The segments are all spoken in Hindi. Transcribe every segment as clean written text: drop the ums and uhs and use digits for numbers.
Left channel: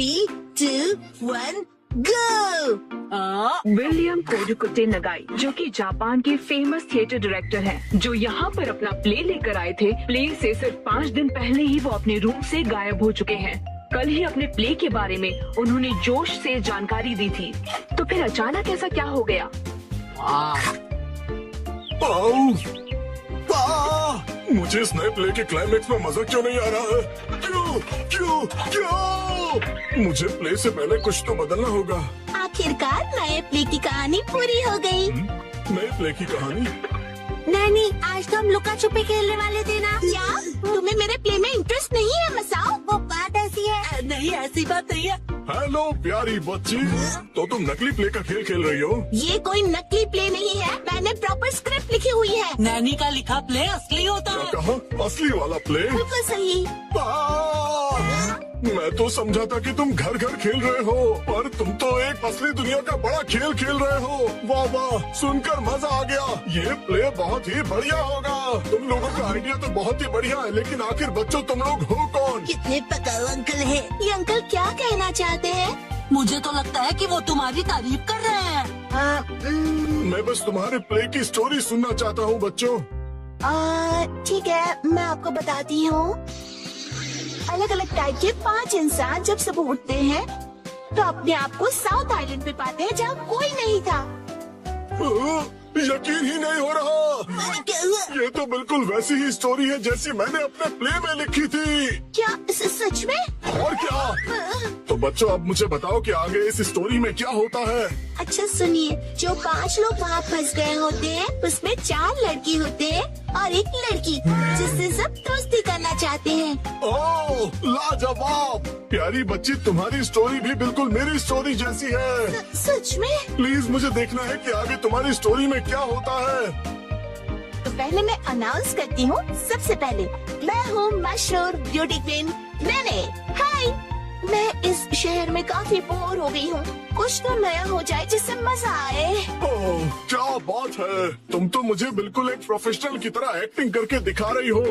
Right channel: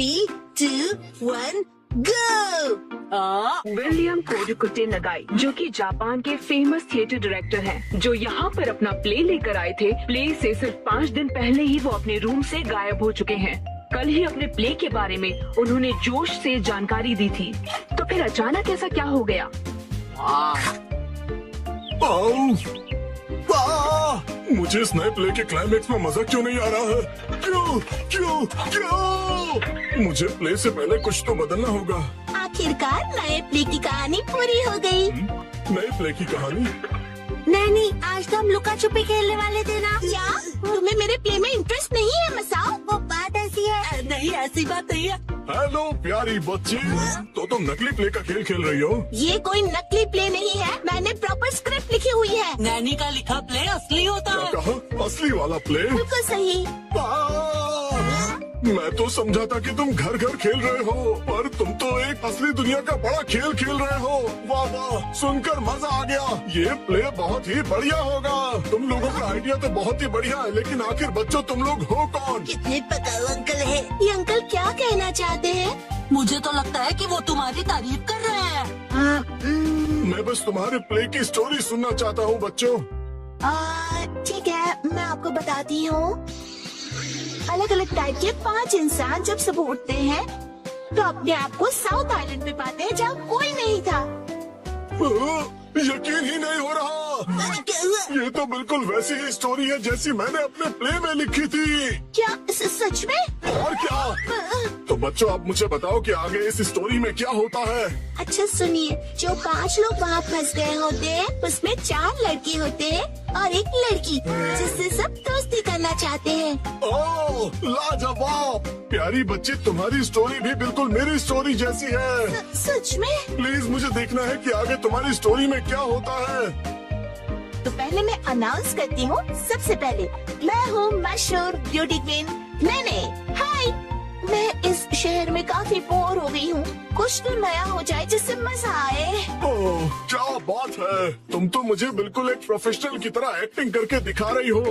3, 2, 1, go! विलियम कोडुकुटे नगाई, जो कि जापान के फेमस थिएटर डायरेक्टर हैं, जो यहाँ पर अपना प्ले लेकर आए थे। प्ले से सिर्फ 5 दिन पहले ही वो अपने रूम से गायब हो चुके हैं। कल ही अपने प्ले के बारे में उन्होंने जोश से जानकारी दी थी, तो फिर अचानक ऐसा क्या हो गया? मुझे इस नए प्ले के क्लाइमेक्स में मजा क्यों नहीं आ रहा है? क्यों क्यों क्यों? मुझे प्ले से पहले कुछ तो बदलना होगा। आखिरकार नए प्ले की कहानी पूरी हो गई। नए प्ले की कहानी? नानी, आज तो हम लुका छुपी खेलने वाले थे ना। क्या तुम्हें मेरे प्ले में इंटरेस्ट नहीं है मसाओ? वो बात ऐसी है। नहीं, ऐसी बात नहीं है। हेलो प्यारी बच्ची, तो तुम नकली प्ले का खेल खेल रही हो? ये कोई नकली प्ले नहीं है, मैंने प्रॉपर स्क्रिप्ट लिखी हुई है। नानी का लिखा प्ले असली होता है। कहा असली वाला प्ले? बिल्कुल सही। मैं तो समझा था कि तुम घर घर खेल रहे हो, पर तुम तो एक असली दुनिया का बड़ा खेल खेल रहे हो। वाह वाह, सुनकर मजा आ गया। ये प्ले बहुत ही बढ़िया होगा। तुम लोगों का आइडिया तो बहुत ही बढ़िया है, लेकिन आखिर बच्चों तुम लोग हो कौन? कितने पकाऊ अंकल है। ये अंकल क्या कहना चाहते हैं? मुझे तो लगता है कि वो तुम्हारी तारीफ कर रहे हैं। मैं बस तुम्हारे प्ले की स्टोरी सुनना चाहता हूँ बच्चों। ठीक है, मैं आपको बताती हूँ। अलग अलग टाइप के 5 इंसान जब सुबह उठते हैं तो अपने आप को साउथ आइलैंड पे पाते हैं जहाँ कोई नहीं था। यकीन ही नहीं हो रहा। ये तो बिल्कुल वैसी ही स्टोरी है जैसी मैंने अपने प्ले में लिखी थी। क्या सच में? और क्या? तो बच्चों, अब मुझे बताओ कि आगे इस स्टोरी में क्या होता है। अच्छा सुनिए, जो 5 लोग वहाँ फंस गए होते हैं, उसमें 4 लड़की होते हैं और 1 लड़की, जिससे सब दोस्ती करना चाहते हैं। ओह लाजवाब! प्यारी बच्ची, तुम्हारी स्टोरी भी बिल्कुल मेरी स्टोरी जैसी है। सच में? प्लीज मुझे देखना है कि आगे तुम्हारी स्टोरी में क्या होता है। पहले मैं अनाउंस करती हूँ। सबसे पहले मैं हूँ मशहूर ब्यूटी क्वीन मैंने। हाय, मैं इस शहर में काफी बोर हो गई हूँ। कुछ तो नया हो जाए जिससे मजा आए। ओह, क्या बात है! तुम तो मुझे बिल्कुल एक प्रोफेशनल की तरह एक्टिंग करके दिखा रही हो।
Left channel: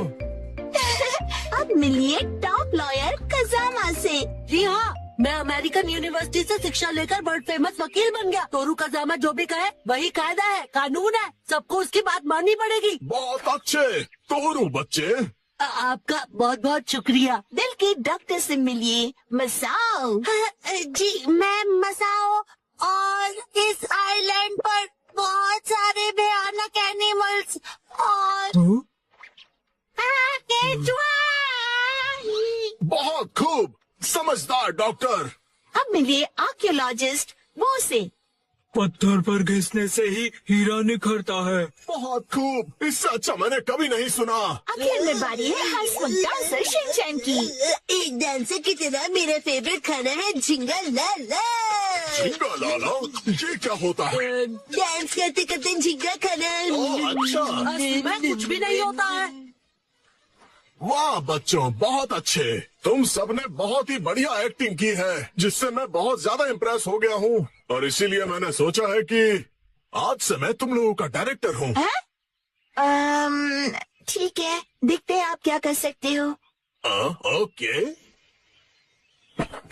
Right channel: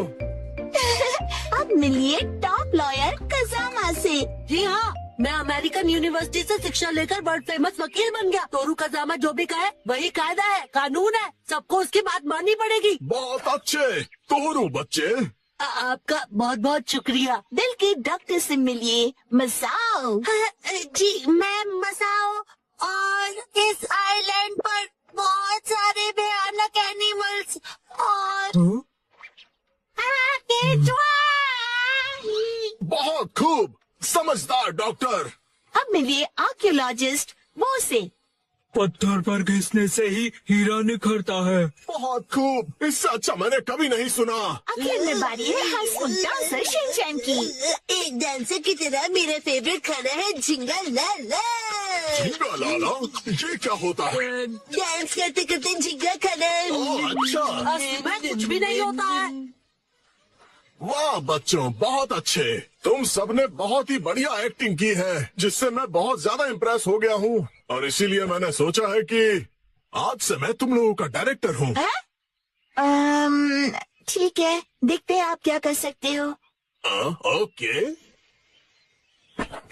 अब मिलिए टॉप लॉयर कजामा से। जी हाँ, मैं अमेरिकन यूनिवर्सिटी से शिक्षा लेकर वर्ल्ड फेमस वकील बन गया। तोरू कजामा जो भी कहे वही कायदा है, कानून है, सबको उसकी बात माननी पड़ेगी। बहुत अच्छे तोरू बच्चे। आपका बहुत बहुत शुक्रिया। दिल की डॉक्टर से मिलिए मसाओ। जी, मैं मसाओ, और इस आइलैंड पर बहुत सारे भयानक एनिमल्स और केचुआ। बहुत खूब, समझदार डॉक्टर। अब मिलिए आर्कियोलॉजिस्ट वो से। पत्थर पर घिसने से ही हीरा निखरता है। बहुत खूब, इससे अच्छा मैंने कभी नहीं सुना। आखिर में बारी है हाउसफुल डांसर शिनचैन की। एक डांसर की तरह मेरा फेवरेट खाना है झिंगा लाला। झींगा लाला, ये क्या होता है? डांस करते करते झिंगा खाना। ओह, अच्छा। असली में कुछ भी नहीं होता है। वाह बच्चों, बहुत अच्छे। तुम सबने बहुत ही बढ़िया एक्टिंग की है, जिससे मैं बहुत ज्यादा इम्प्रेस हो गया हूँ, और इसीलिए मैंने सोचा है कि आज से मैं तुम लोगों का डायरेक्टर हूँ। ठीक है, देखते हैं आप क्या कर सकते हो। ओके,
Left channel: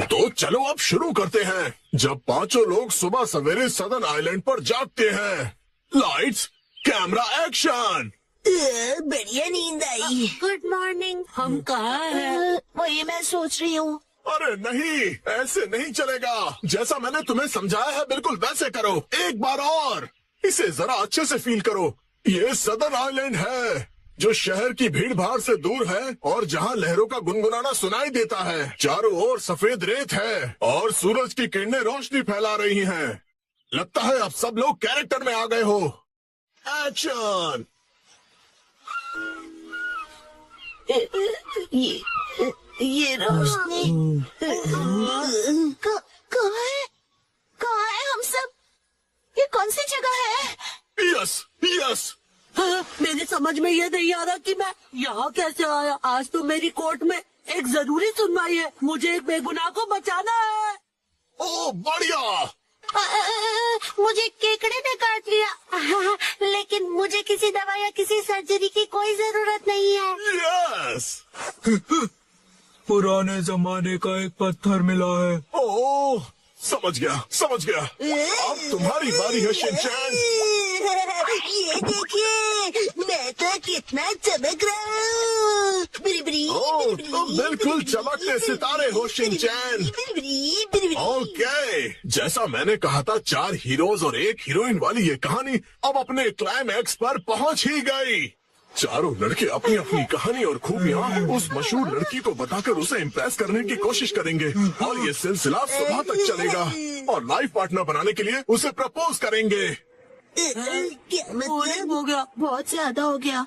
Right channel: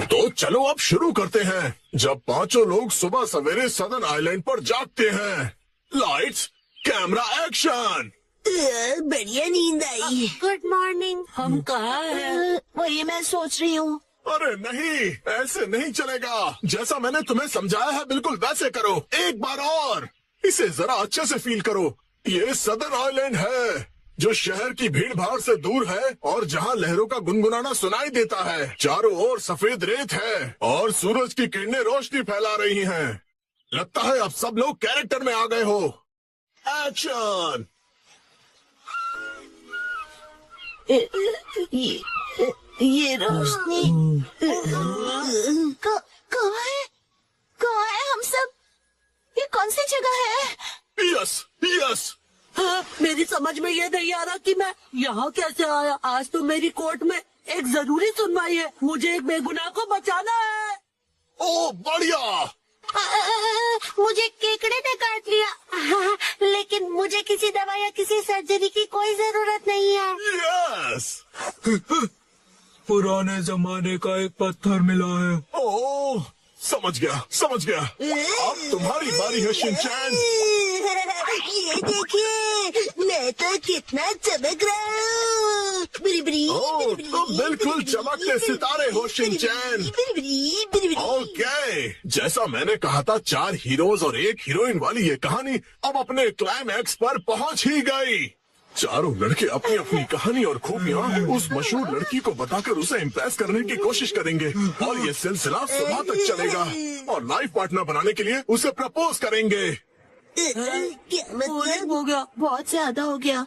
तो चलो अब शुरू करते हैं। जब 5 लोग सुबह सवेरे सदन आइलैंड पर जागते हैं। Lights, camera, action. बढ़िया नींद आई। Good morning. हम कहाँ हैं? वही मैं सोच रही हूँ। अरे नहीं, ऐसे नहीं चलेगा। जैसा मैंने तुम्हें समझाया है बिल्कुल वैसे करो। एक बार और, इसे जरा अच्छे से फील करो। ये सदर आइलैंड है, जो शहर की भीड़ भाड़ से दूर है और जहाँ लहरों का गुनगुनाना सुनाई देता है। चारों ओर सफेद रेत है और सूरज की किरणें रोशनी फैला रही हैं। लगता है अब सब लोग कैरेक्टर में आ गए हो। एक्शन। ये रोशनी कहाँ है? कहाँ है हम सब? ये कौन सी जगह है? Yes yes. हाँ, मेरी समझ में ये नहीं आ रहा कि मैं यहाँ कैसे आया। आज तो मेरी कोर्ट में एक जरूरी सुनवाई है। मुझे एक बेगुनाह को बचाना है। ओ बढ़िया। मुझे केकड़े ने काट लिया, लेकिन मुझे किसी दवा या किसी सर्जरी की कोई जरूरत नहीं है। यस। पुराने जमाने का एक पत्थर मिला है। ओह, समझ गया। अब तुम्हारी बारी है शिनचैन। ये देखिए, मैं तो कितना चमक रहा हूँ। ओह, तुम बिल्कुल चमकते सितारे हो शिनचैन। ओके, जैसा मैंने कहा था 4 हीरोज और 1 हीरोइन वाली ये कहानी अब अपने क्लाइमैक्स पर पहुंच ही गई। चारों लड़के अपनी अपनी कहानी और खूबियां उस मशहूर लड़की को बताकर उसे इम्प्रेस करने की कोशिश करेंगे और ये सिलसिला सुबह तक चलेगा और लाइफ पार्टनर बनाने के लिए उसे प्रपोज करेंगे। क्या मतलब? हो गया, बहुत ज्यादा हो गया।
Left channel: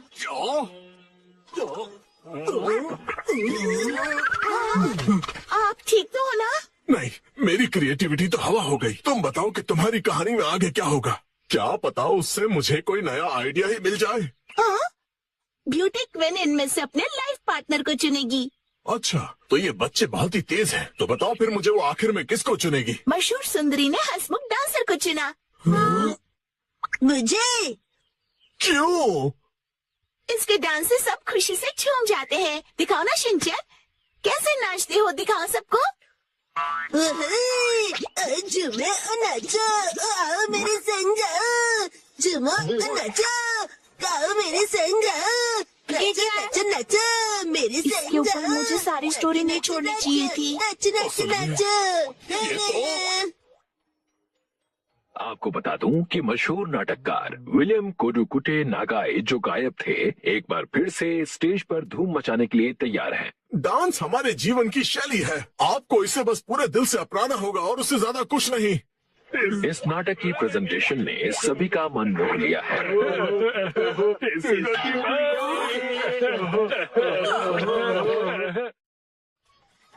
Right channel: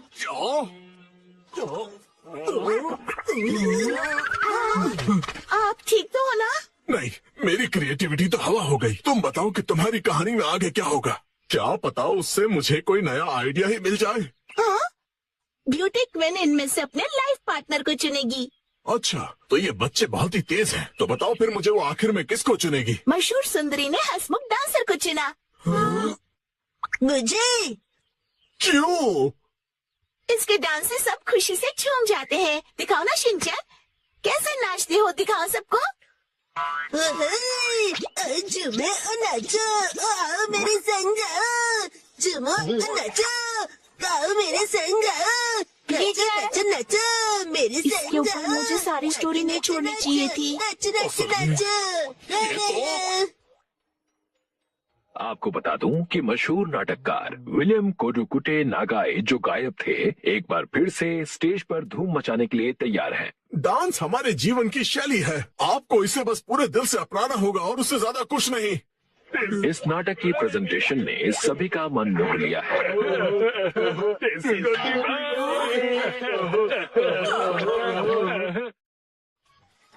आप ठीक तो हो ना? नहीं, मेरी क्रिएटिविटी तो हवा हो गई। तुम बताओ कि तुम्हारी कहानी में आगे क्या होगा? क्या पता उससे मुझे कोई नया आइडिया ही मिल जाए। ब्यूटी क्वीन इनमें से अपने लाइफ पार्टनर को चुनेगी। अच्छा, तो ये बच्चे बहुत ही तेज हैं। तो बताओ फिर मुझे वो आखिर में किसको चुनेगी? मशहूर सुंदरी ने हंसमुख डांसर को चुना। मुझे क्यों? इसके डांस से सब खुशी से झूम जाते हैं। दिखाओ ना शिनचैन, कैसे नाचते हो, दिखाओ सबको। झूमो नाचो, आओ मेरे संग, झूमो नाचो, आओ मेरे संग, नाचो नाचो नाचो मेरे संग। इसके ऊपर मुझे सारी स्टोरी नहीं छोड़नी चाहिए थी। नाचो नाचो नाचो। आपको बता दूं कि मशहूर नाटककार विलियम कोडुकुटे नागाई जो गायब थे, एक बार फिर से स्टेज पर धूम मचाने के लिए तैयार हैं। डांस हमारे जीवन की शैली है। आपको इसे बस पूरे दिल से अपनाना होगा और उससे ज्यादा कुछ नहीं। इस नाटक की प्रेजेंटेशन ने सभी का मन मोह लिया है।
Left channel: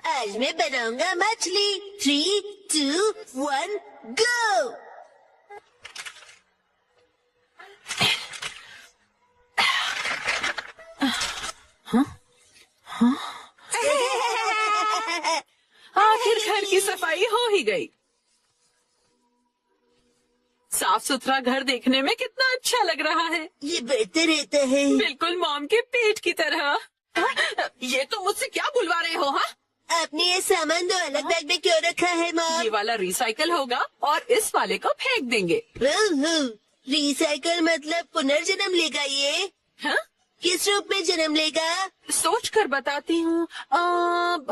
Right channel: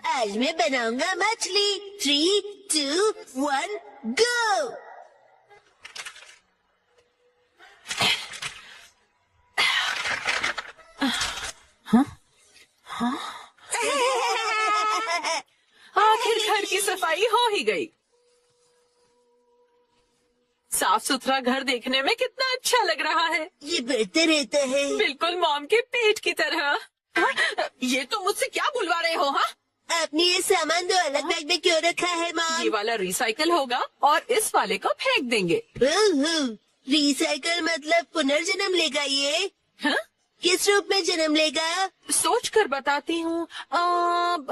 आज मैं बनाऊंगा मछली। 3, 2, 1, गो। आखिर घर की सफाई हो ही गई। साफ सुथरा घर देखने में कितना अच्छा लग रहा है। ये बढ़ता रहता है। बिल्कुल मॉम के पेट की तरह। ये तो मुझसे क्या बुलवा रहे हो? हाँ, आपने ये सामान 2 अलग बैग में क्यों रखा है ये मॉम? वाला रिसाइकल होगा और इस वाले को फेंक देंगे। रिसाइकल मतलब पुनर्जन्म लेगा ये? हाँ? किस रूप में जन्म लेगा? सोच कर बताती हूँ। मॉम,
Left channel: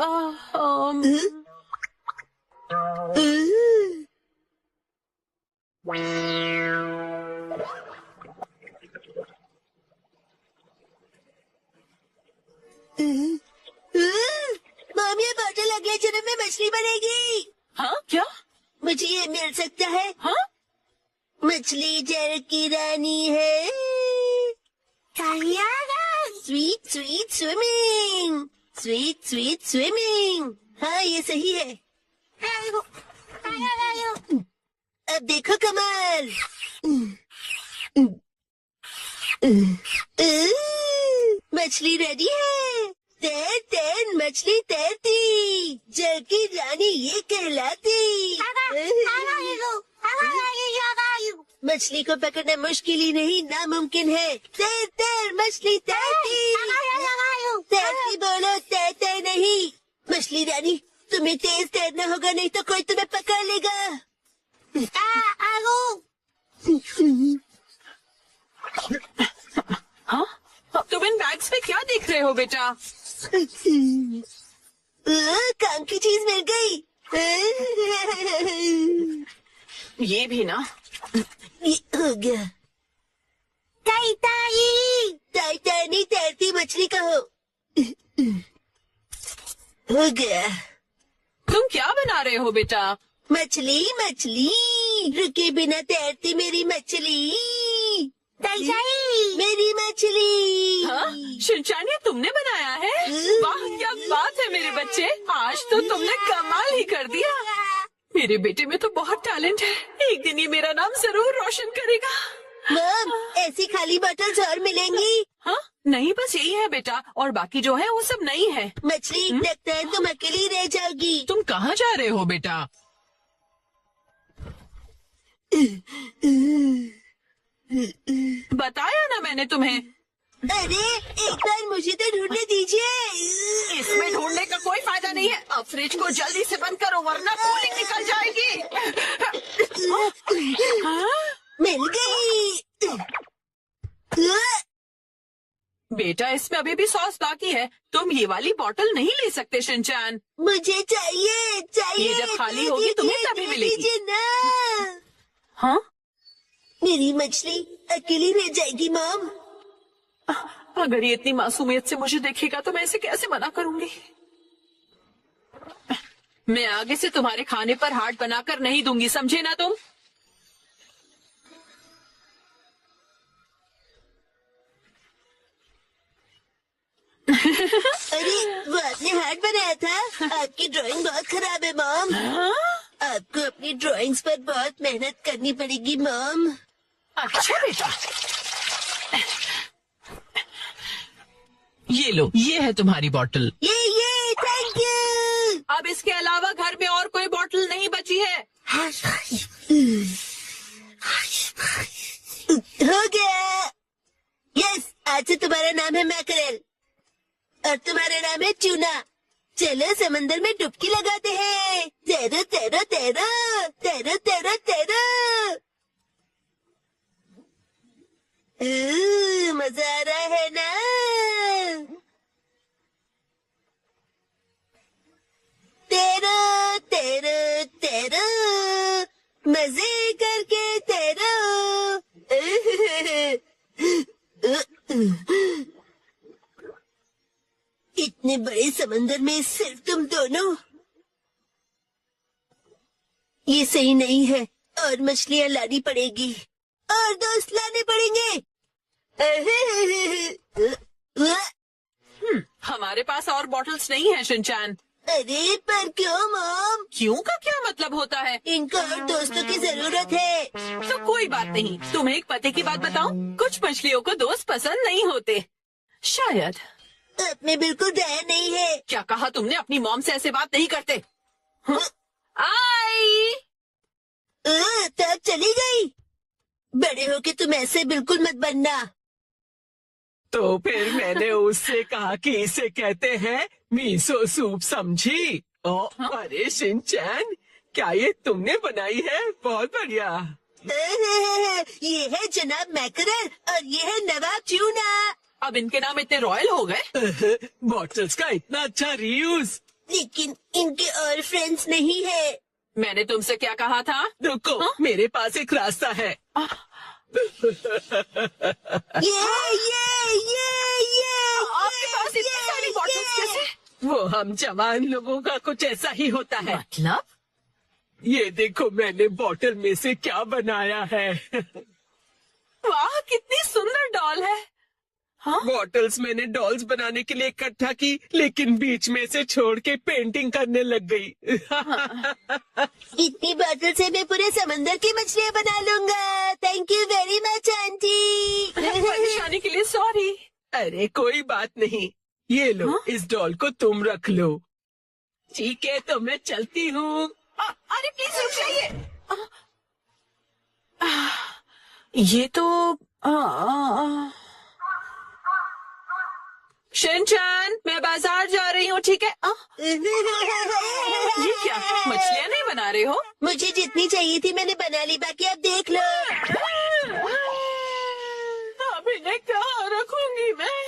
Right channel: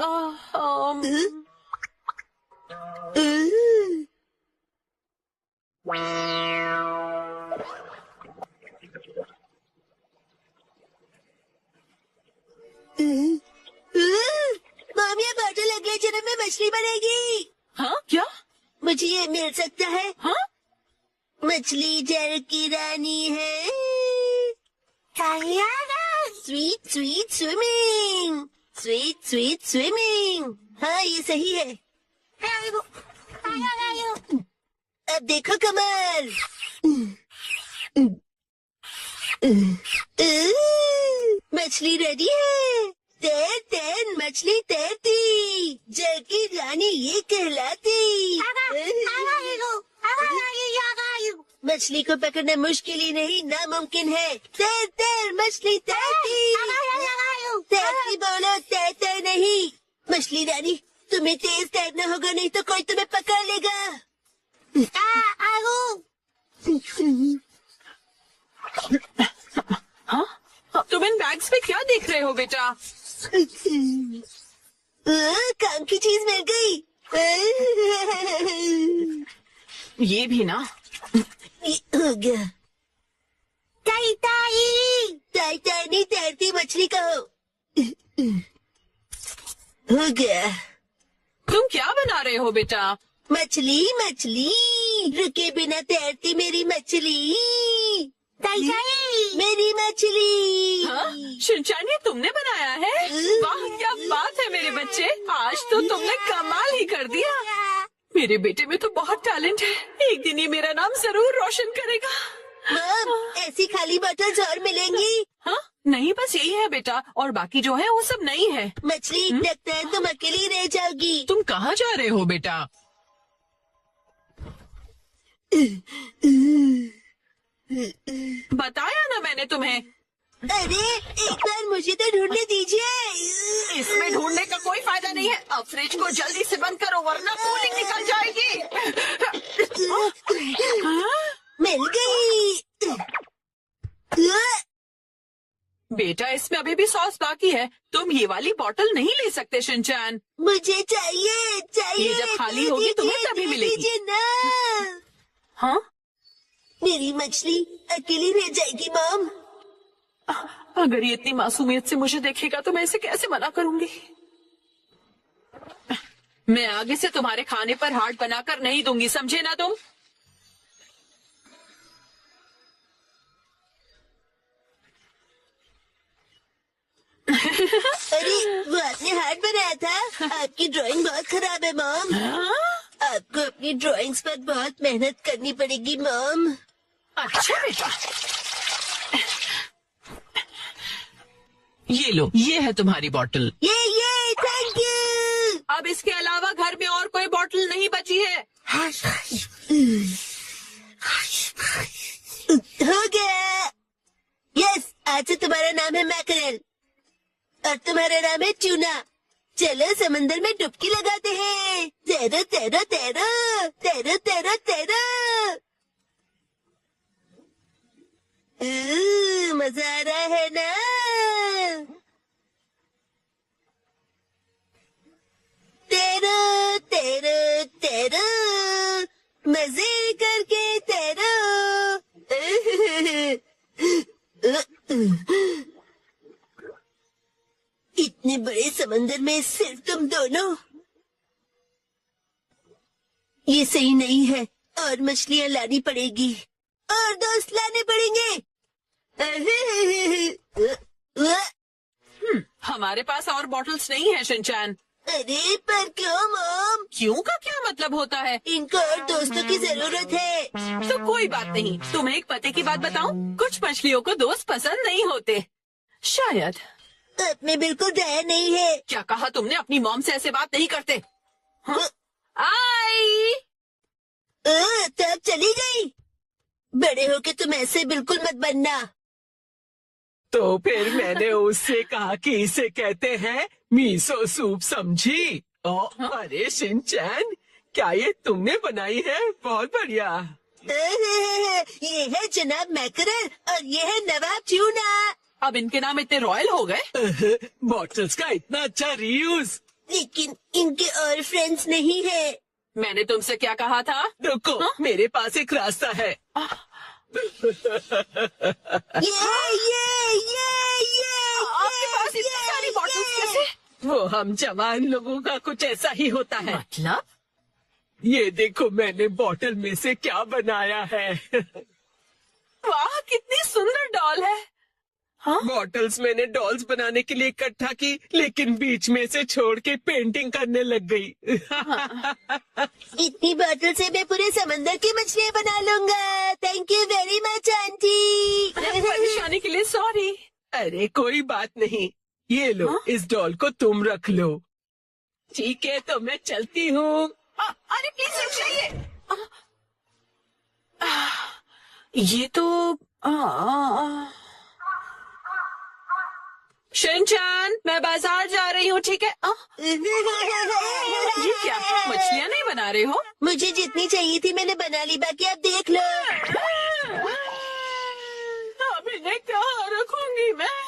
ये बॉटल अगले जन्म में मछली बनेगी। हाँ क्या? मुझे ये मिल सकता है? हाँ? मछली जल की रानी है। Sweet sweet swimming, sweet sweet swimming. हाँ, ये सही है। अब देखो कमाल। मछली रेडी है। तैर तैर मछली तैरती, जल की रानी ये कहलाती। मछली को पकड़ना मुश्किल ही नहीं, नामुमकिन है। तैर तैर मछली तैरती, तैरती बोलो तैरते नहीं। मछली रानी, तुम्हें तेज तैरना होगा, नहीं तो कोई तुम्हें पकड़ लेगा। हाँ? तुम इन बैग्स में क्या देख रहे हो बेटा? काम की चीज मिल गई। ये भी ना। ये हो गया। ताई ताई, ताई ताई नहीं, तैरती मछली कहो। हो गया। तुम क्या बना रहे हो बेटा? मछली मछली, रुके बिना तैरती मेरी मछली। ताई ताई, मेरी मछली। हाँ? शिनचैन, ये तुमने बनाया है? वाह, क्या बात है मेरे बच्चे, आज तो तुमने कमाल ही कर दिया। मेरे बेटे में तो बहुत टैलेंट है, एक दिन ये मेरा नाम जरूर रोशन करेगा। मॉम, ऐसी खाली बॉटल्स और मिलेंगी? हाँ? नहीं, बस यही है बेटा, और बाकी जो है वो सब नहीं है। मछली, लगता है तुम अकेली रह जाओगी। तुम कहाँ जा रहे हो बेटा? बताया ना मैंने तुम्हें। अरे एक बार मुझे तो ढूंढने दीजिए। इसमें ढूंढने का कोई फायदा नहीं है। अब फ्रिज को जल्दी से बंद करो वरना कूलिंग निकल जाएगी। मिल गई। बेटा इसमें अभी भी सॉस बाकी है। तुम ये वाली बोतल नहीं ले सकते शिनचैन। मुझे चाहिए चाहिए। ये जब खाली होगी तुम्हें तभी मिलेगी। दीजिए ना। हाँ मेरी मछली अकेली रह जाएगी मॉम। अगर ये इतनी मासूमियत से मुझे देखेगा तो मैं इसे कैसे मना करूंगी। मैं आगे से तुम्हारे खाने पर हाथ बनाकर नहीं दूंगी, समझे ना तुम। अरे वो आपने हाथ बनाया था। आपकी ड्राइंग बहुत खराब है मॉम। आपको अपनी ड्राइंग्स पर बहुत मेहनत करनी पड़ेगी मॉम। अच्छा बेटा, ये लो, ये है तुम्हारी बोतल। ये थैंक यू। अब इसके अलावा घर में और कोई बोतल नहीं बची है। हो गया। यस, आज से तुम्हारा नाम है मैकरेल और तुम्हारा नाम है ट्यूना। चलो समंदर में डुबकी लगाते हैं। तैरो तैरो तैरो तैरो तैरो तैरो। मजा आ रहा है ना। तैरो तैरो तैरो मजे करके तैरो। इतने बड़े समंदर में सिर्फ तुम दोनों। ये सही नहीं है और मछलियाँ लानी पड़ेगी और दोस्त लाने पड़ेंगे। हमारे पास और बॉटल्स नहीं है शिनचैन। अरे पर क्यों मॉम? क्यों का क्या मतलब होता है? इनको और दोस्तों की जरूरत है। तो कोई बात नहीं। तुम्हें एक पते की बात बताऊं? कुछ मछलियों को दोस्त पसंद नहीं होते शायद। मैं बिल्कुल डर नहीं है। क्या कहा तुमने? अपनी मॉम से ऐसे बात नहीं करते। हाँ? आई तो अब चली गई। बड़े होके तुम ऐसे बिल्कुल मत बनना। तो फिर मैंने उससे कहा कि इसे कहते हैं मीसो सूप, समझी? अरे शिनचैन, क्या ये तुमने बनाई है? बहुत बढ़िया। ये है जनाब मैकरल और ये है नवाब ट्यूना। अब इनके नाम इतने रॉयल हो गए। बॉटल्स का इतना अच्छा रीयूज। लेकिन इनके और फ्रेंड्स नहीं है। मैंने तुमसे क्या कहा था? रुको, मेरे पास एक रास्ता है। आपके पास इतनी सारी बॉटल्स कैसे? वो हम जवान लोगों का कुछ ऐसा ही होता है। मतलब? ये देखो मैंने बॉटल में से क्या बनाया है। वाह, कितनी सुंदर डॉल है। हाँ? बॉटल्स मैंने डॉल्स बनाने के लिए इकट्ठा की, लेकिन बीच में से छोड़ के पेंटिंग करने लग गई। इतनी बॉटल से मैं पूरे समंदर की मछलियाँ बना लूंगा। Thank you very much aunty. परेशानी के लिए सॉरी। अरे कोई बात नहीं, ये लो। हाँ? इस डॉल को तुम रख लो। ठीक है, तो मैं चलती हूँ। अरे प्लीज रुक जाइए। ये तो शिनचैन, मैं बाजार जा रही हूँ, ठीक है? ये क्या, मछलियाँ नहीं बना रहे हो? मुझे जितनी चाहिए थी मैंने बना ली, बाकी आप देख लो। अब इन्हें कहाँ रखूंगी मैं?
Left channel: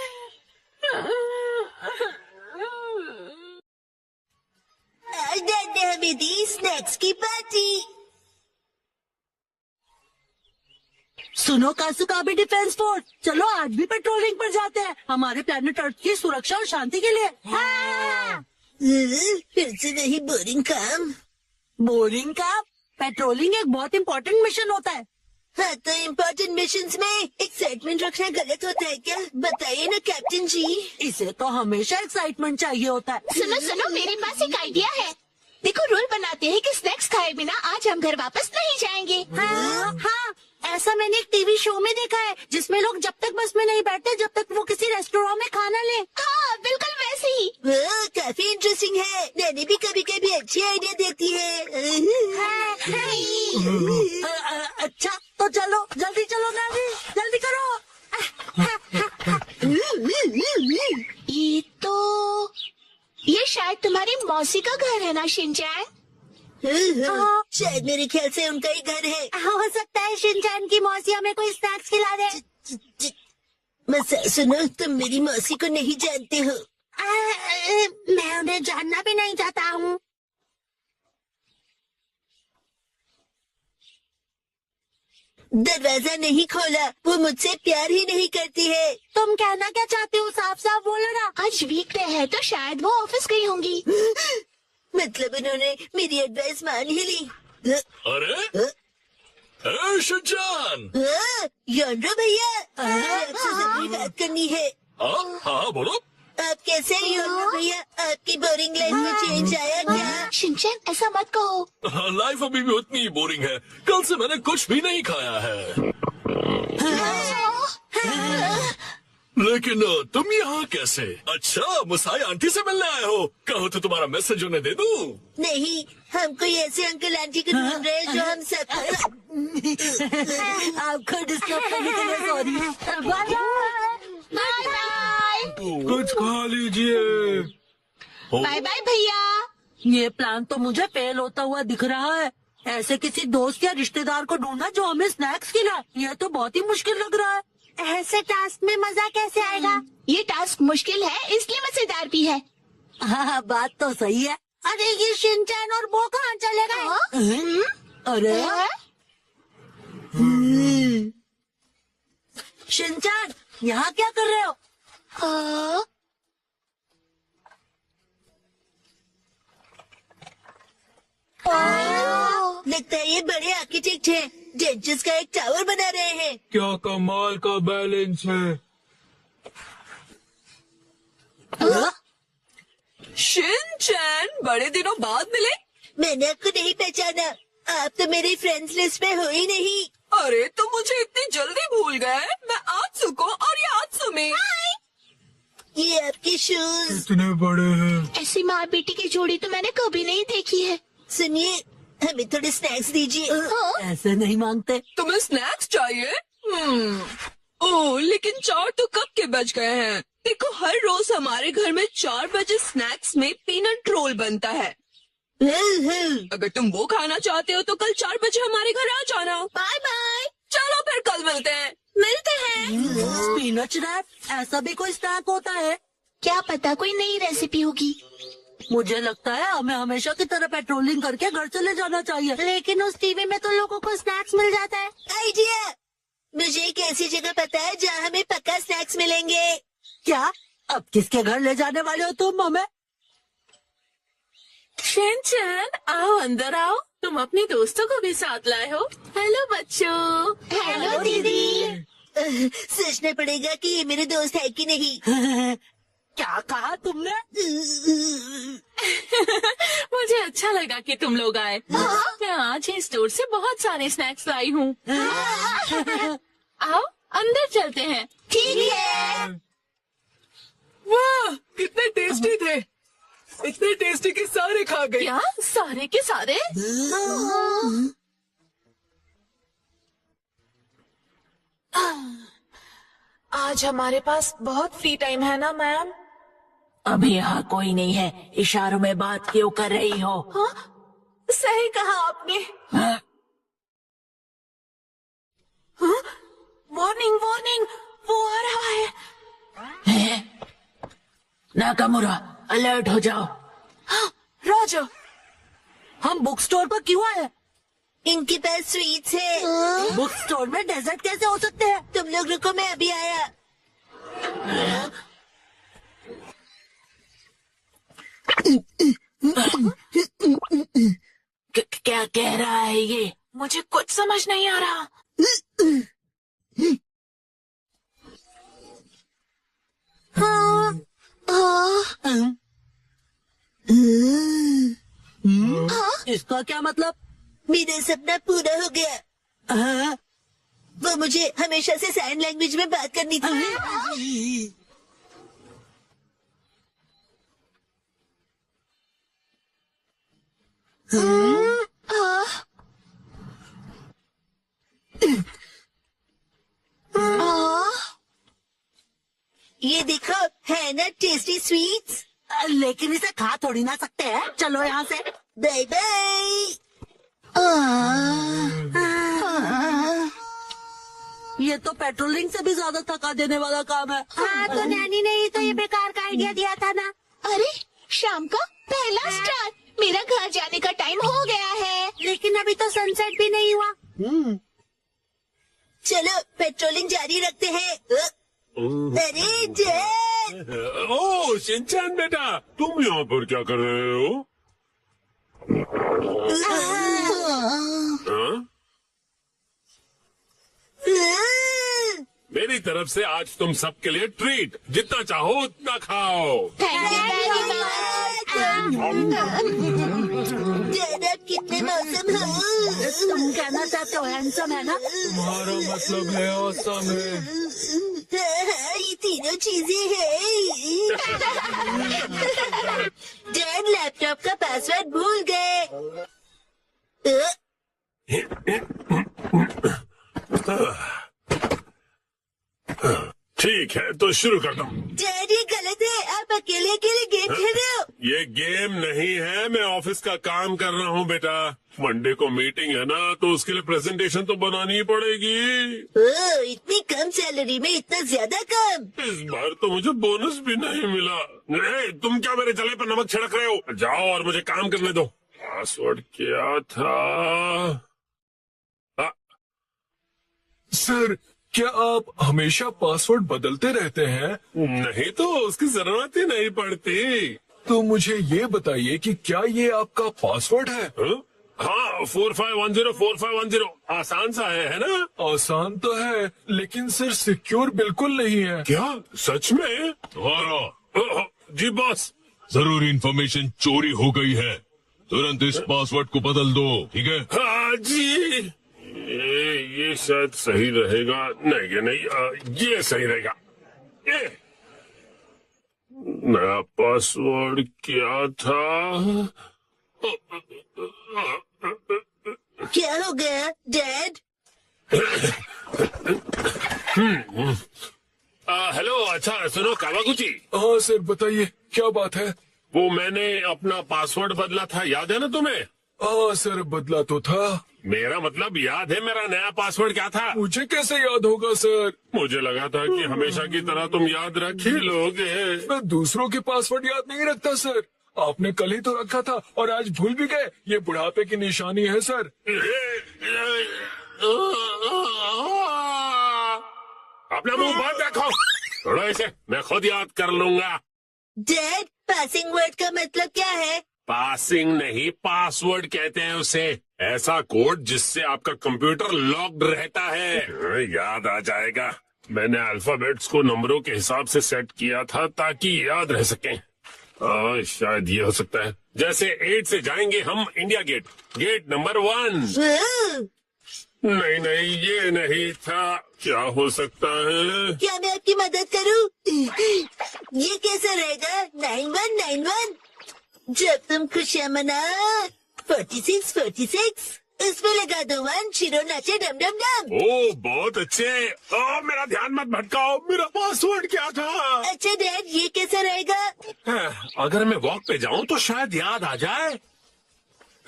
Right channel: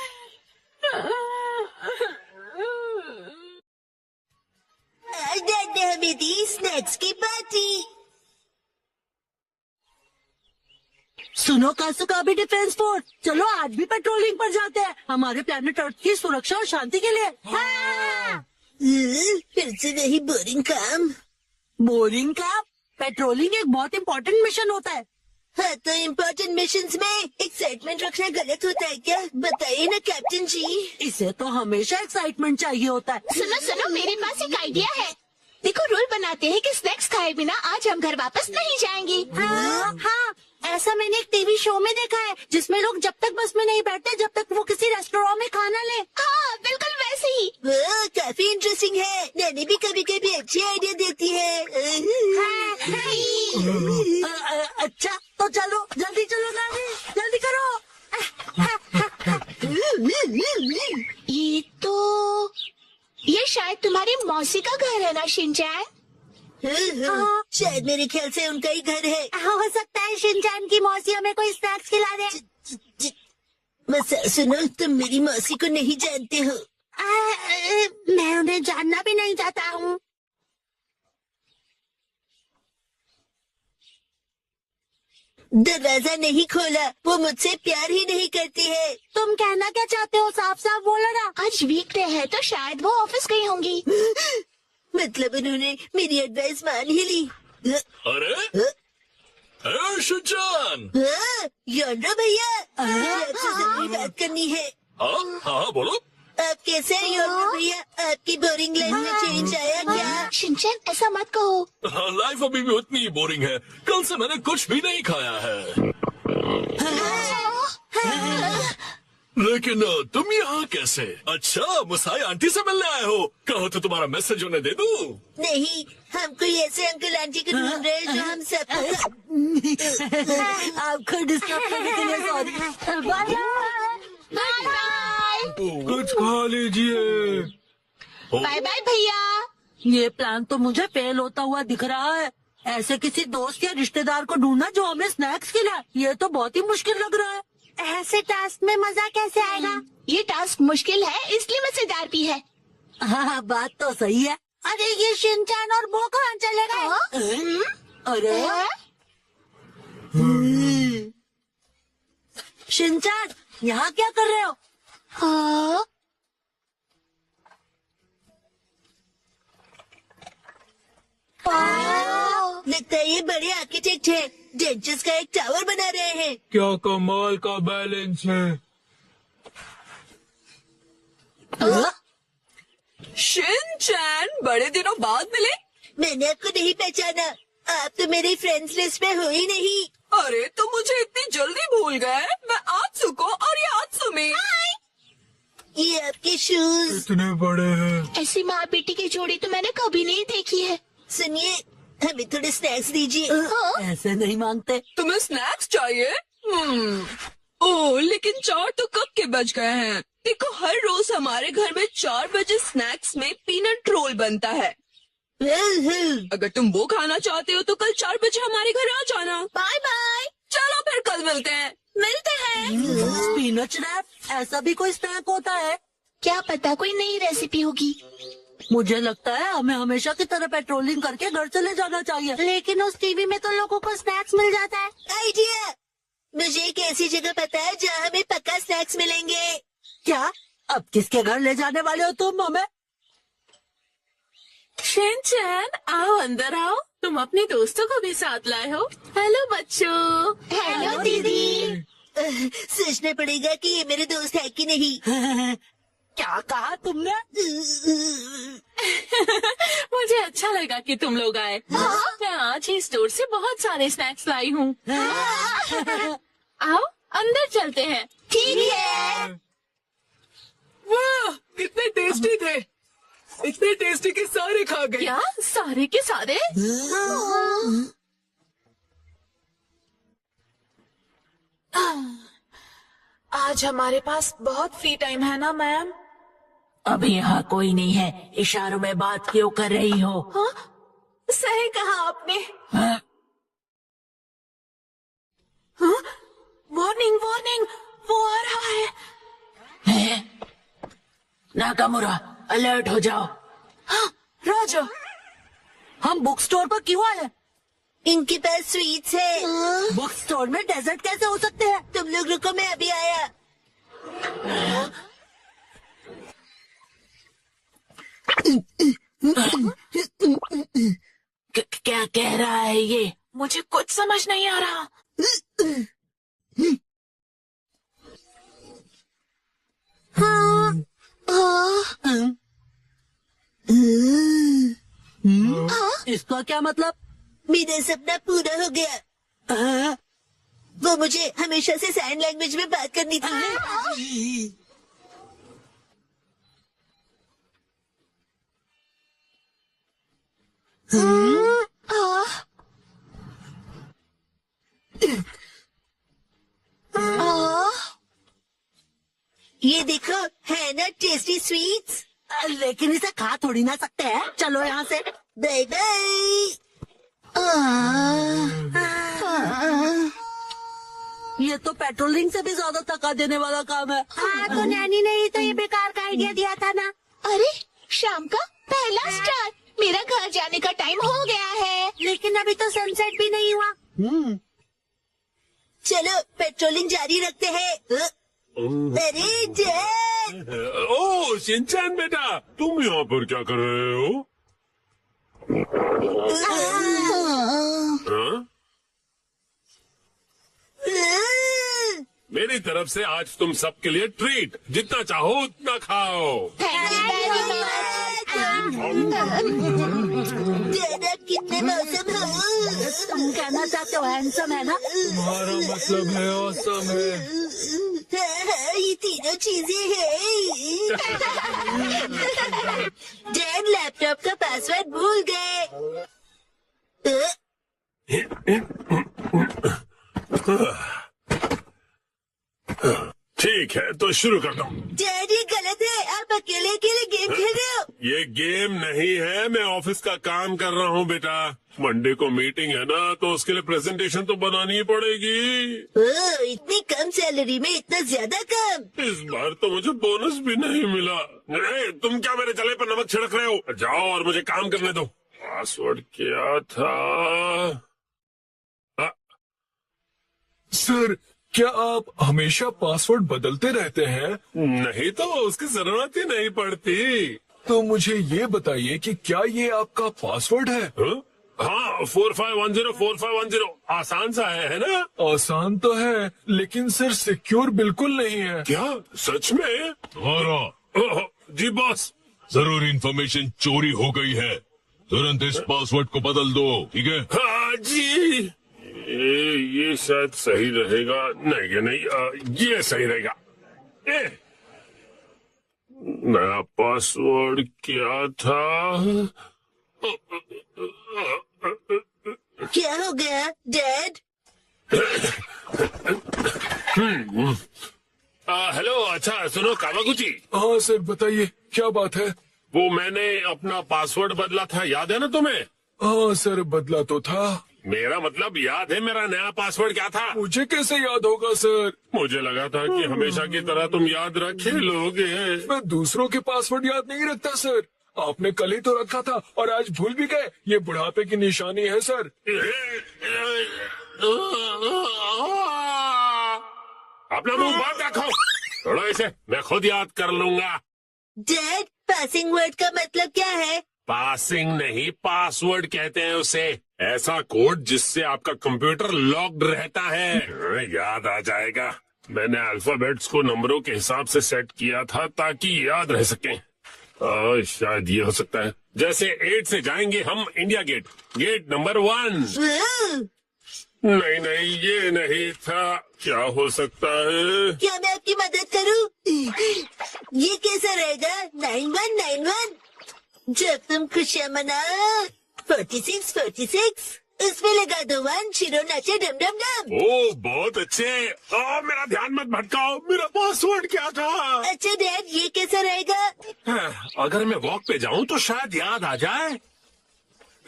आज डैड ने हमें दी स्नैक्स की पार्टी। सुनो कैसे भी डिफेंस फोर्स, चलो आज भी पेट्रोलिंग पर जाते हैं हमारे प्लेनेट अर्थ की सुरक्षा और शांति के लिए। फिर से वही बोरिंग काम। बोरिंग का पेट्रोलिंग एक बहुत इम्पोर्टेंट मिशन होता है। हाँ, तो इम्पोर्टेंट मिशंस में एक्साइटमेंट रखना गलत होता है क्या? बताइए ना कैप्टन जी। इसे तो हमेशा एक्साइटमेंट चाहिए होता है। सुनो सुनो, मेरे पास एक आइडिया है। देखो, रूल बनाते हैं कि स्नैक्स खाए बिना आज हम घर वापस नहीं जाएंगे। हाँ, ऐसा मैंने एक टीवी शो में देखा है जिसमें लोग जब तक बस में नहीं बैठते जब तक वो किसी रेस्टोरेंट में खाना ले। हाँ, बिल्कुल वैसे ही। काफी इंटरेस्टिंग है। डैडी भी कभी कभी अच्छी आइडिया देती है। अच्छा तो चलो, जल्दी चलो नानी, जल्दी करो। मौसी का घर है ना शिनचैन? शायद मेरे ख्याल से उनका ही घर है। हो सकता है शिनचैन की मौसी हमें कोई स्नैक्स खिला दे। मसा सुनो, तुम मेरी मौसी को नहीं जानते हो। मैं उन्हें जानना भी नहीं चाहता हूँ। दरवाजा नहीं खोला, वो मुझसे प्यार ही नहीं करती है। तुम कहना क्या चाहते हो? साफ साफ बोलो ना। आज वीकडे है तो शायद वो ऑफिस गई होंगी। मतलब उन्होंने मेरी एडवाइस मान ही ली। अरे शिनचैन। योंडो भैया, आपसे जरूरी बात करनी है। हाँ हाँ बोलो। आप कैसे हैं योंडो भैया? आपकी बोरिंग लाइफ में चेंज आया क्या? शिनचैन ऐसा मत कहो। लाइफ अभी भी उतनी ही बोरिंग है। कल से मैंने कुछ भी नहीं खाया है। लेकिन तुम यहाँ कैसे? अच्छा, मुसाई आंटी से मिलने आए हो? कहो तो तुम्हारा मैसेज उन्हें दे दूं? नहीं, हम कोई ऐसे अंकल आंटी को ढूंढ रहे हैं जो हम सब। आपको डिस्टर्ब करने के लिए सॉरी। कुछ खा लीजिए। बाय बाय भैया। ये प्लान तो मुझे फेल होता हुआ दिख रहा है। ऐसे किसी दोस्त या रिश्तेदार को ढूंढना जो हमें स्नैक्स खिलाए, ये तो बहुत ही मुश्किल लग रहा है। ऐसे टास्क में मजा कैसे आएगा? ये टास्क मुश्किल है इसलिए मजेदार भी है। हाँ, बात तो सही है। अरे ये शिनचैन और वो कहाँ चले गए? अरे हाँ? शिनचैन, यहाँ क्या कर रहे हो? हाँ? लगता है ये बड़े आर्किटेक्ट हैं। डेंचर्स का एक टावर बना रहे हैं। क्या कमाल का बैलेंस है। शिनचैन, बड़े दिनों बाद मिले। मैंने आपको नहीं पहचाना। आप तो मेरे फ्रेंड्स लिस्ट में हो ही नहीं। अरे तुम मुझे इतनी जल्दी भूल गए। मैं आत्सु को और ये आत्सुमी। ये आपके शूज। इतने बड़े हैं। ऐसी माँ बेटी की जोड़ी तो मैंने कभी नहीं देखी है। सुनिए, हमें थोड़े स्नैक्स दीजिए। ऐसे नहीं मांगते। तुम्हें स्नैक्स चाहिए? ओह, लेकिन 4 तो कब के बज गए हैं। देखो, हर रोज हमारे घर में 4 बजे स्नैक्स में पीनट रोल बनता है। अगर तुम वो खाना चाहते हो तो कल 4 बजे हमारे घर आ जाना। Bye bye. चलो फिर कल मिलते हैं। मिलते हैं। स्पिनच रैप, ऐसा भी कोई स्नैक होता है? क्या पता कोई नई रेसिपी होगी। मुझे लगता है हमें हमेशा की तरह पेट्रोलिंग करके घर चले जाना चाहिए। लेकिन उस टीवी में तो लोगों को स्नैक्स मिल जाता है। आइडिया! मुझे एक ऐसी जगह पता है जहाँ हमें पक्का स्नैक्स मिलेंगे। क्या? अब किसके घर ले जाने वाले हो तुम हमें? शिनचैन, आओ अंदर आओ। तुम अपने दोस्तों को भी साथ लाए हो। हेलो बच्चों। हेलो दीदी। सोचना पड़ेगा कि ये मेरे दोस्त है कि नहीं। क्या कहा तुमने? मुझे अच्छा लगा कि तुम लोग आए। मैं आज ही स्टोर से बहुत सारे स्नैक्स लाई हूँ। आओ अंदर चलते हैं। ठीक है। वाह, कितने टेस्टी थे। इतने टेस्टी कि सारे खा गए। क्या सारे के सारे? आज हमारे पास बहुत फ्री टाइम है ना मैम? अभी यहाँ कोई नहीं है। इशारों में बात क्यों कर रही हो? हाँ? सही कहा आपने। हाँ? हाँ? वार्निंग वार्निंग, वो आ रहा है। नाकामुरा, अलर्ट हो जाओ। हाँ, राजा, हम बुक स्टोर पर क्यों आए? इनके पास स्वीट्स है। बुक स्टोर में डेजर्ट कैसे हो सकते हैं? तुम लोग रुको, मैं अभी आया। क्या कह रहा है ये? मुझे कुछ समझ नहीं आ रहा। इसका क्या मतलब? मेरा सपना पूरा हो गया। हाँ? वो मुझे हमेशा से साइन लैंग्वेज में बात करनी थी। ये देखो, है ना टेस्टी स्वीट्स। लेकिन इसे खा थोड़ी ना सकते हैं। चलो यहाँ से। Bye bye. ये तो पेट्रोलिंग से भी ज्यादा थका देने वाला काम है। हाँ, तो नैनी ने ही तो ये बेकार का आइडिया दिया था ना। अरे शाम का पहला स्टार, मेरा घर जाने का टाइम हो गया है। लेकिन अभी तो सनसेट भी नहीं हुआ। चलो पेट्रोलिंग जारी रखते हैं। अरे डैड। ओह शिनचैन बेटा, तुम यहाँ पर क्या कर रहे हो? हाँ? मेरी तरफ से आज तुम सबके लिए ट्रीट, जितना चाहो उतना खाओ। डैड आप कितने मौसम हो। तुम कहना चाहते हो हैंडसम है ना? तुम्हारा मतलब है औसम है। हाँ, ये तीनों चीजें हैं। डैड लैपटॉप का पासवर्ड भूल गए। ठीक है तो शुरू करता हूँ। डैड ये गलत है, आप अकेले अकेले गेम खेल रहे हो। ये गेम नहीं है, मैं ऑफिस का काम कर रहा हूँ बेटा। मंडे को मीटिंग है ना, तो उसके लिए प्रेजेंटेशन तो बनानी ही पड़ेगी। ओह, इतनी कम सैलरी में इतना ज्यादा काम। इस बार तो मुझे बोनस भी नहीं मिला। तुम क्या मेरे जले पर नमक छिड़क रहे हो? जाओ और मुझे काम करने दो। पासवर्ड क्या था? सर क्या आप हमेशा पासवर्ड बदलते रहते हैं? नहीं तो उसकी जरूरत ही नहीं पड़ती। तो मुझे ये बताइए कि क्या ये आपका पासवर्ड है? हाँ 45104510 आसान सा है ना? आसान तो है लेकिन सर सिक्योर बिल्कुल नहीं है। क्या सच में? ओह, जी बॉस। जरूरी इंफॉर्मेशन चोरी हो गई है, तुरंत इस पासवर्ड को बदल दो, ठीक है? हाँ जी। ये शायद सही रहेगा। नहीं ये नहीं, ये सही रहेगा। नया पासवर्ड क्या था? क्या हो गया डैड? हेलो, अच्छा सुनो कावागुची। हाँ सर बताइए क्या बात है? वो मैंने अपना पासवर्ड बदला था, याद है ना तुम्हें? हाँ सर बदला तो था। मेरा मतलब याद है मेरा नया पासवर्ड क्या था? मुझे कैसे याद होगा सर? मुझे लगा था कि हमेशा की तरह तुम याद रख ही लोगे। मैं दूसरों के पासवर्ड याद नहीं रखता सर। आपने कल ही तो रखा था और आज भूल भी गए। ये बुढ़ापे की निशानी है सर। अपना मुंह बंद रखो। थोड़ा इसे मैं खुद याद कर लूंगा। डैड पासिंग वर्ड का मतलब क्या है? पासिंग नहीं, पासवर्ड कहते हैं उसे। ऐसा कोड जिससे आपका कंप्यूटर लॉक्ड रहता है। याद आ जाएगा। मैंने अल्फाबेट्स को नंबरों के हिसाब से सेट किया था ताकि याद रह सके। शायद ये हो सकता है। जैसे 8 से जाएंगे हम इंडिया गेट, गेट नंबर 1। नहीं ये नहीं था। क्या हो सकता है? क्या मैं आपकी मदद करूं? ये कैसा रहेगा? 9191। जब तुम खुशियाँ मना 46 उसमें लगा दो 1, शिरो नाचे डम डम डम। ओ बहुत अच्छे। मेरा ध्यान मत भटकाओ। मेरा पासवर्ड क्या था? अच्छा डैड ये कैसा रहेगा? अगर मैं वॉक पे जाऊं तो शायद याद आ जाए।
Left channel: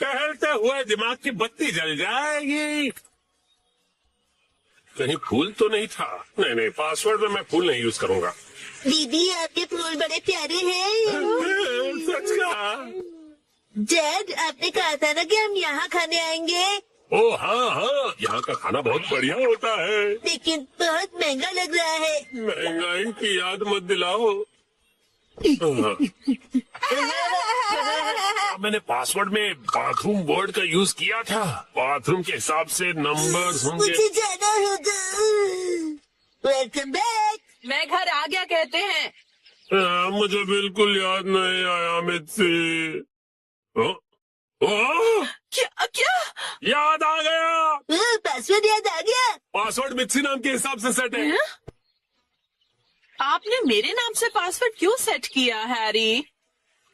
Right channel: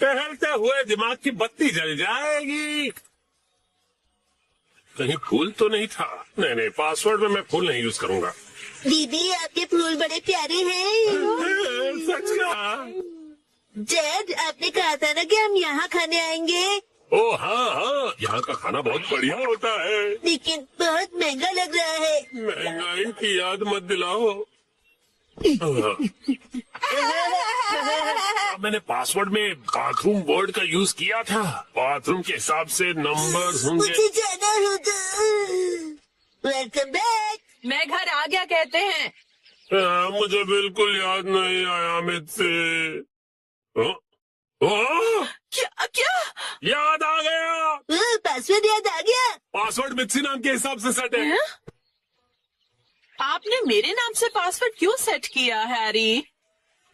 टहलते हुए दिमाग की बत्ती जल जाएगी। कहीं फूल तो नहीं था? नहीं पासवर्ड में मैं फूल नहीं यूज करूंगा। दीदी आपके फूल बड़े प्यारे हैं। सच का? डैड आपने कहा था ना कि हम यहाँ खाने आएंगे। ओ हाँ, यहाँ का खाना बहुत बढ़िया होता है। लेकिन बहुत महंगा लग रहा है। महंगाई की याद मत दिलाओ। मैंने पासवर्ड में बाथरूम वर्ड का यूज किया था। बाथरूम के हिसाब से नंबर्स होंगे। मुझे जाना होगा। Welcome back. मैं घर आ गया कहते हैं। मुझे बिल्कुल याद नहीं आया मुझसे। क्या? याद आ गया। पासवर्ड याद आ गया। पासवर्ड मित्सी नाम के हिसाब से सेट है। आपने मेरे नाम से पासवर्ड क्यों सेट किया हैरी?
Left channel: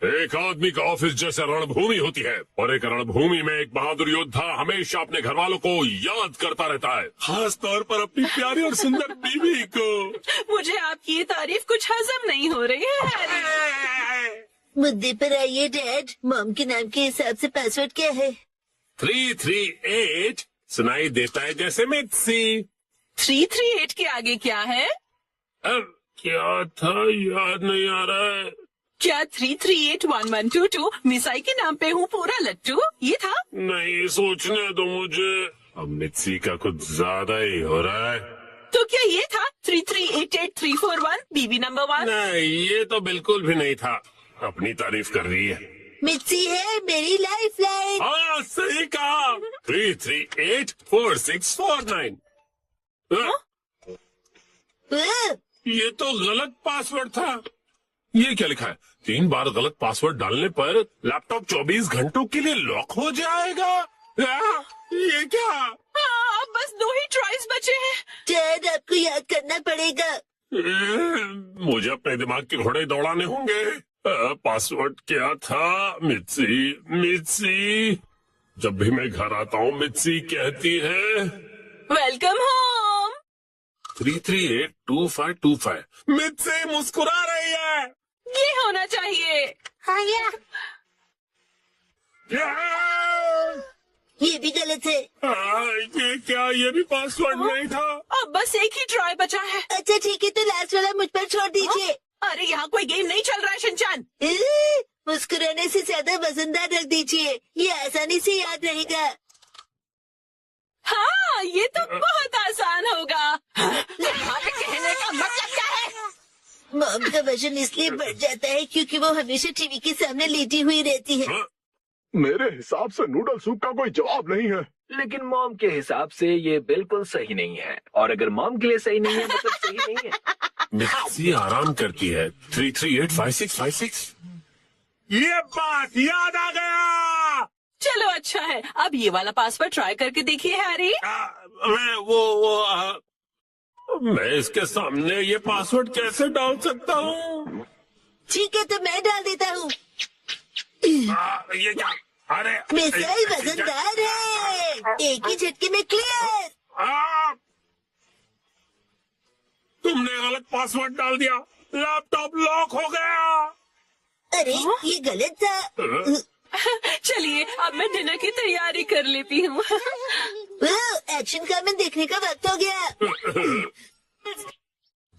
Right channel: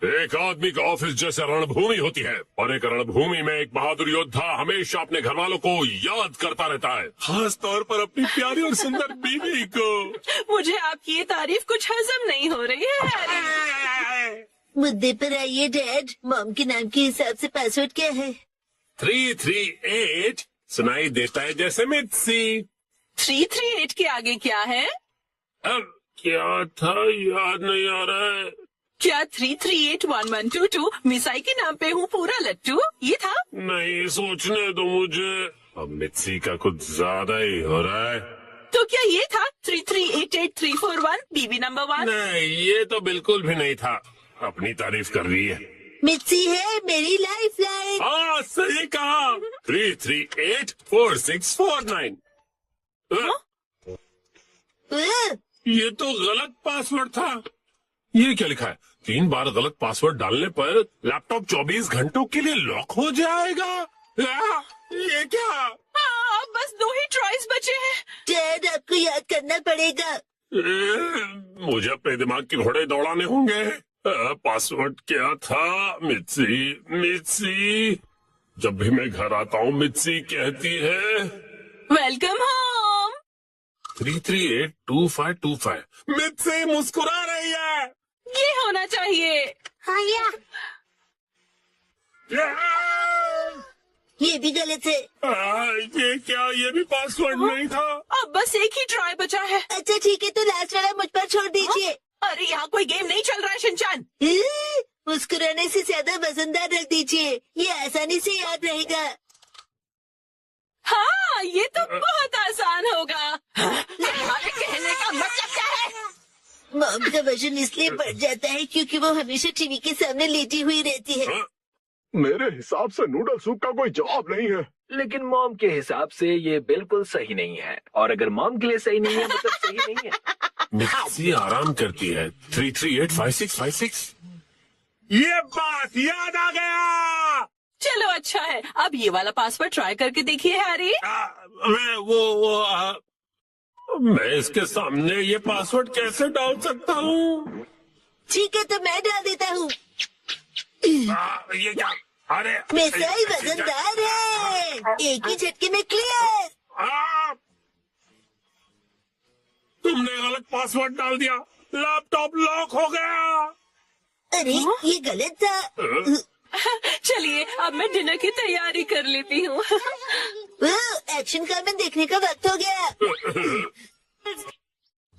एक आदमी का ऑफिस जैसे रणभूमि होती है और एक रणभूमि में एक बहादुर योद्धा हमेशा अपने घर वालों को याद करता रहता है, खास तौर पर अपनी प्यारी और सुंदर बीवी को। मुझे आपकी ये तारीफ कुछ हजम नहीं हो रही है हैरी। मुद्दे पर आइए डैड। मॉम के नाम के हिसाब से पासवर्ड क्या है? 338 सुनाई देता है जैसे मित्सी। 338 के आगे क्या है? अब क्या था याद नहीं आ रहा है। क्या 3381122 मिसाई के नाम पे हूँ पूरा लट्टू ये था? नहीं सोचने दो मुझे, अब मित्सी का कुछ ज्यादा ही हो रहा है। तो क्या ये था 3388341 बीबी नंबर 1? नहीं ये तो बिल्कुल भी नहीं था। अपनी तारीफ कर रही है। मिर्ची है मेरी लाइफ लाइन। हाँ सही कहा। 3384649। ये तो गलत पासवर्ड था। ये क्या लिखा है? 3 बार गलत पासवर्ड डालने पर लैपटॉप 24 घंटों के लिए लॉक हो जाएगा। ये क्या? अब बस 2 ही ट्राइज बचे हैं। डैड आपको याद करना पड़ेगा। मुझे अपने दिमाग के घोड़े दौड़ाने होंगे। पासवर्ड क्या था? मित्सी। जब भी मैं घर आता हूँ मित्सी कहती है वेलकम होम। 3382525। मित्सी मुस्कुरा रही है। ये होना चाहिए। ये भी गलत है। ये क्या? ये भी पासवर्ड नहीं था। अब बस एक ही ट्राई बचा है। अच्छा ठीक है तो लास्ट वाला मुझ पर छोड़ दीजिए। अरे यहाँ कोई गेम नहीं चल रहा है शिनचैन। मुस्कुराने से ज्यादा वजनदार रख दीजिए, ये आसानी से याद रहेगा। हाँ ये तो बहुत आसान होगा। तुम्हारे कहने का मतलब क्या है? मॉम का वजन इसलिए बढ़ जाता है क्योंकि वो हमेशा टीवी के सामने लेटी हुई रहती है। मेरे हिसाब से नूडल सूप का कोई जवाब नहीं है। लेकिन मॉम के हिसाब से ये बिल्कुल सही नहीं है, और अगर मॉम के लिए सही नहीं है मतलब सही नहीं है। मित्सी आराम करती है। 3385656। ये बात याद आ गया। चलो अच्छा है, अब ये वाला पासवर्ड ट्राई करके देखिए हैरी। मैं इसके सामने ये पासवर्ड कैसे डाल सकता हूँ? ठीक है तो मैं डाल देता हूँ। ये क्या? अरे मिसाई वजनदार है, एक ही झटके में क्लियर। तुमने गलत पासवर्ड डाल दिया, लैपटॉप लॉक हो गया। अरे ये गलत था। चलिए अब मैं डिनर की तैयारी कर लेती हूँ। एक्शन कमेंट देखने का वक्त हो गया।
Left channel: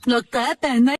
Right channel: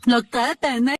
लगता है पहनना